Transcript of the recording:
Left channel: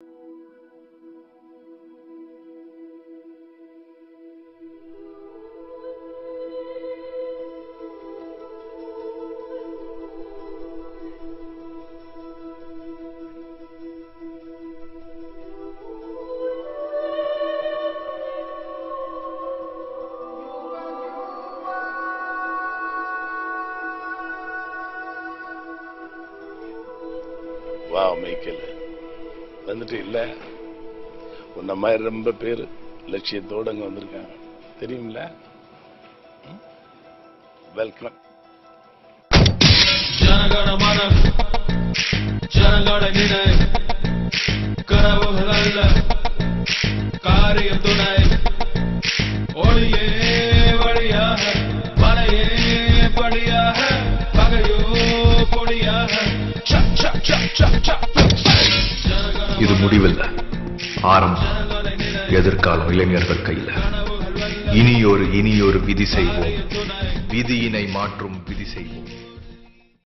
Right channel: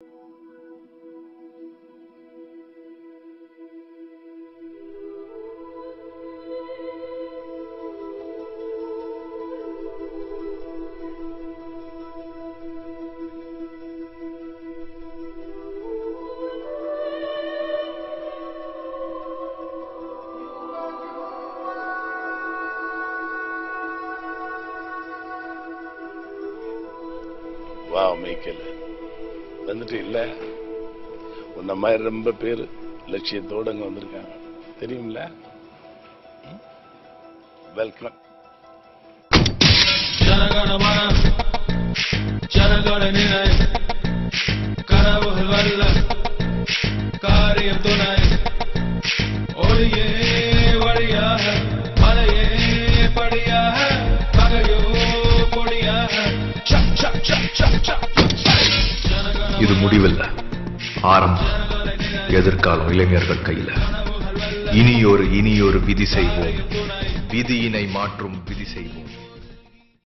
வா மைக்கேல் வந்துட்டு இல்ல உன்ன மாதிரி ரொம்ப பேரு லட்சியத்தோடு அங்க வந்திருக்காங்க தெரியுமில்ல. வெல்கம். காரியம் துணை ஒளியே வழியாக மலையே படியாக பகையோ பொடியாக. இது முடிவில்லை, ஆரம்பம். எதிர்காலம் இளைஞர்கள் கையில. இனியொரு விதி செய்வோம், விதியினை மாற்றும் விதி செய்வோம்.